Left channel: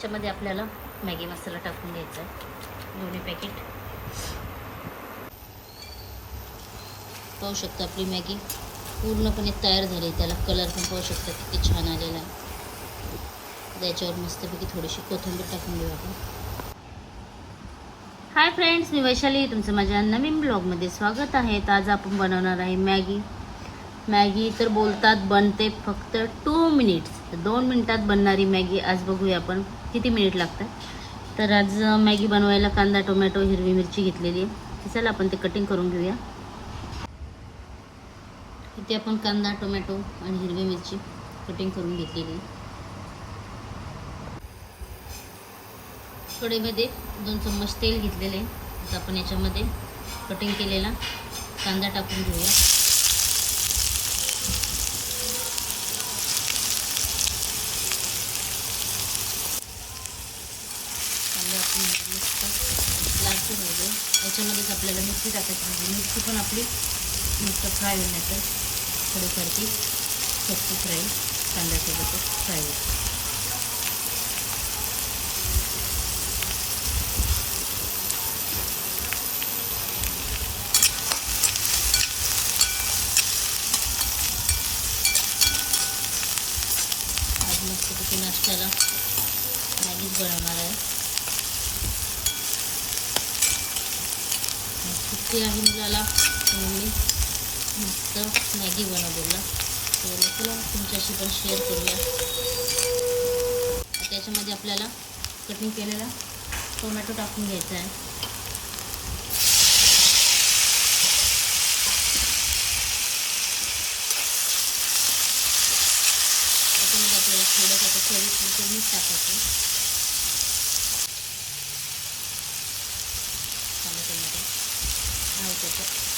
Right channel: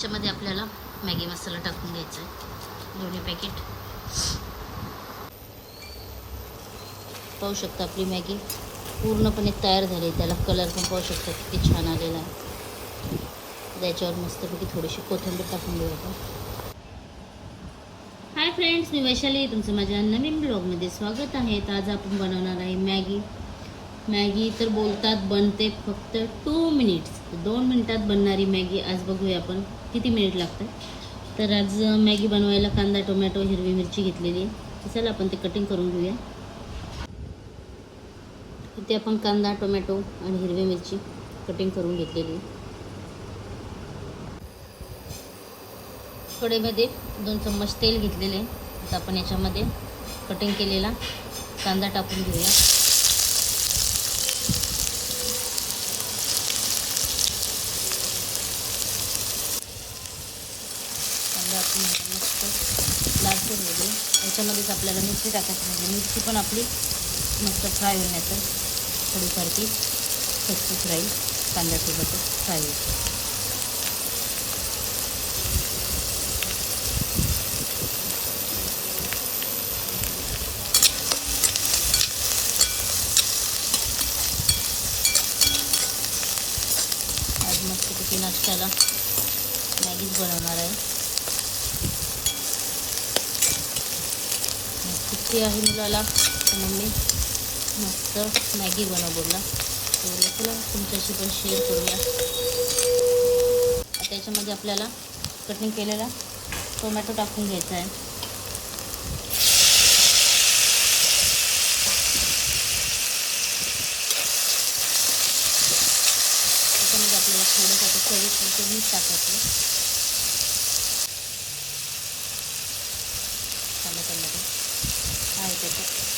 याच्यामध्ये आपल्याला मॅगी मसाला टाकून घ्यायचा आहे. दोन्ही पॅकेट पाहू शकता आपली मॅगी पूर्णपणे तयार झाली त्याला कलर पण पाहू शकता किती छान आलेला आहे. त्याच्यावर मस्तपैकी थोडीशी कोथिंबीर टाकून घेऊ आपण. हाय फ्रेंड्स मी वैशाली तुमचं माझ्या नवीन ब्लॉगमध्ये स्वागत आहे. आज आपण बनवणार आहे मॅगी. मॅगी तर बोलतात बनते फक्त टू मिनिट्स दोन मिनिटात बनणारी मॅगी आज बघूया आपण. किती मिनिट लागतात? तर आज मॅगी बनवायला कांदा टोमॅटो हिरवी मिरची घेतलेली आहे. चला आपण ते कटिंग करून घेऊया. इथे आपण कांदा टोमॅटो आणि हिरवी मिरची कटिंग करून घेतलेली आहे. कढईमध्ये दोन चम्मच तेल घेतलेले आहे. आता आपण याच्यामध्ये कटिंग केलेला कांदा टाकून घेऊया कांदा आपण आता मस्त लालसर होऊ याच्यामध्येच आपल्याला मिरची टाकायची म्हणजे मिरची पण आपली मस्त फ्राय होण्याचं थोडीसारखी कच्चीच राहील कांद्यासोबतच फ्राय होईल आज मस्तपैकी नाश्त्याला मॅगीच बनवणार आहे मग सुट्टी आहे मुलाला. मम्मी मस्त मॅगी बनव बोलला तर चला तुमच्याशी पण शेअर करूया. आता याच्यामध्ये आपल्याला कटिंग केलेला टोमॅटो टाकून घ्यायचा आहे. त्याच्यामध्ये आपल्याला थोडंसं आता मीठ टाकायचं टमाट्यामध्ये आहे त्याचं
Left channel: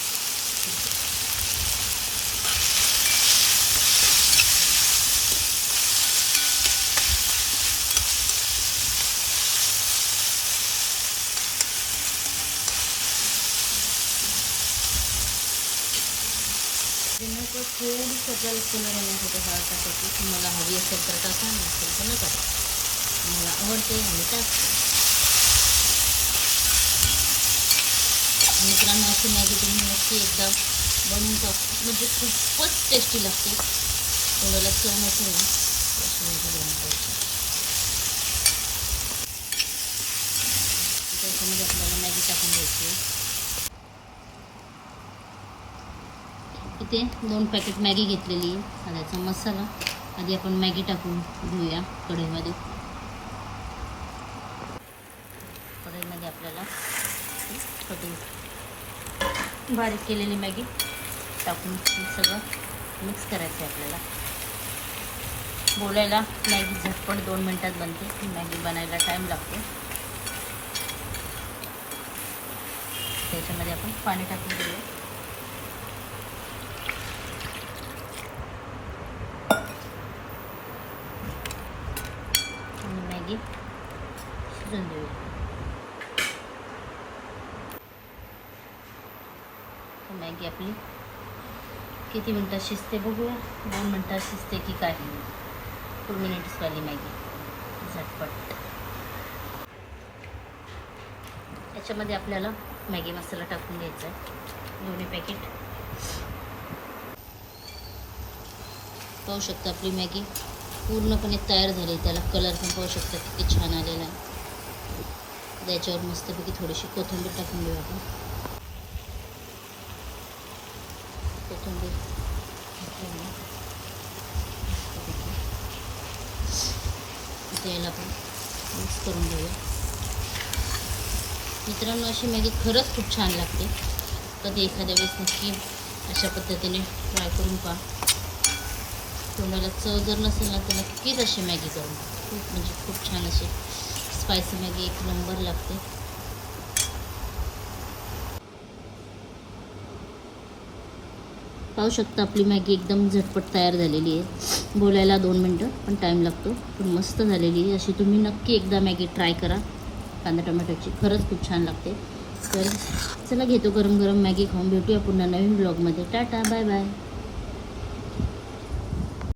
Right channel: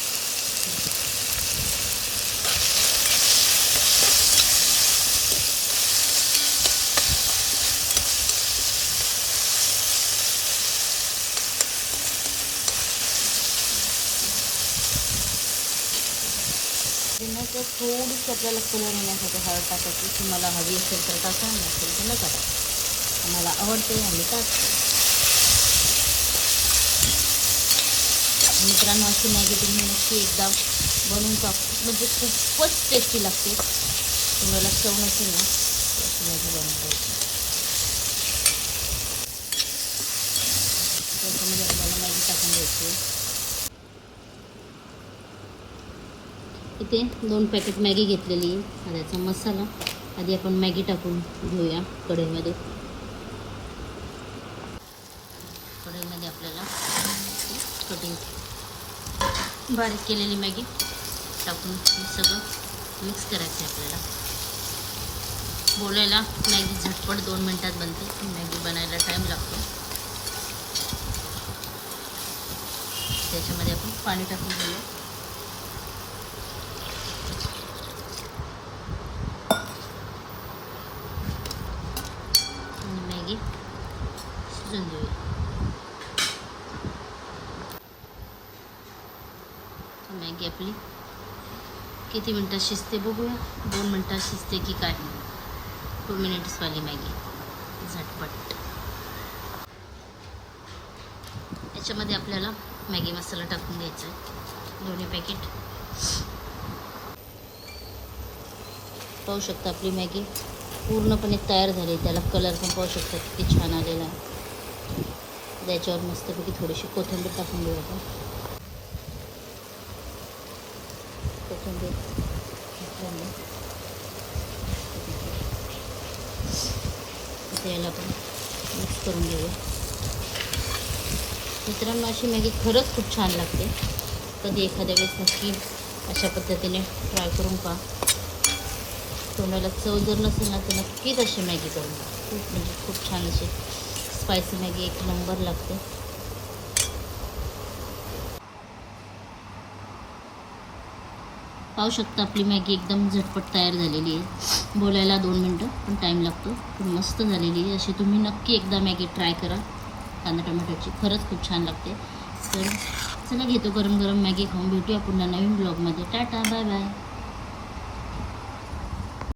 लिंबाचं थोडीशी आपल्याला कलर येण्यासाठी हळद टाकायची तुम्हाला हवी असेल तर टाका नसेल तर नका मला आवडते आणि टाकते मित्रांनो अशी मॅगी तुम्ही नक्की एकदा बनवून टाक म्हणजे खूपच टेस्टी लागते. तुम्हाला चव नसेल ना? अशी मॅगी बनवून टाकते त्याच्यामध्ये आपल्याला मॅगी टाकून द्यायची आहे. इथे दोन पॅकेट मॅगी घेतलेली आहे. त्याचा मसाला. आधी आपण मॅगी टाकून घेऊया कढईमध्ये. कढईमध्ये आपल्याला कटिंग बारीक केलेली मॅगी. टाकून सगळं मिक्स करायचं आहे आपल्याला. बोलायला मॅगी झटपट दोन मिनटात बनते. मॅगी बनायला टाईम लागतो. त्याच्यामध्ये आपण पाणी टाकून घेऊया आणि मॅगी शिजून देऊया तर मॅगी आपली. किती मिनटात शिजते बघूया. दोन मिनटात शिजते की काय? टू मिनिट्सवाली मॅगी. झटपट. याच्यामध्ये आपल्याला मॅगी मसाला टाकून घ्यायचा आहे. दोन्ही पॅकेट पाहू शकता आपली मॅगी पूर्णपणे तयार झाली. त्याला कलर पण पाहू शकता किती छान आलेला आहे. त्याच्यावर मस्तपैकी थोडीशी कोथिंबीर टाकून घेऊ आपण. कोथिंबीर घातल्यामुळे याला आपण मिक्स करून घेऊया मित्रांनो अशी मॅगी खरंच खूप छान लागते कधी एखाद्या वेळेस नक्की अशा पद्धतीने ट्राय करून पहा तोंडाला चव जर नसेल ना तर नक्कीच अशी मॅगी करून खूप म्हणजे खूप छान अशी स्पायसी मॅगी एक नंबर लागते पाहू शकता आपली मॅगी एकदम झटपट तयार झालेली आहे. बोलायला दोन मिनटं पण टाईम लागतो. पण मस्त झालेली आहे. अशी तुम्ही नक्की एकदा मॅगी ट्राय करा. कांदा टोमॅटोची खरंच खूप छान लागते. तर चला घेतो गरम गरम मॅगी खाऊन. भेटूया पुन्हा नवीन ब्लॉगमध्ये टाटा बाय बाय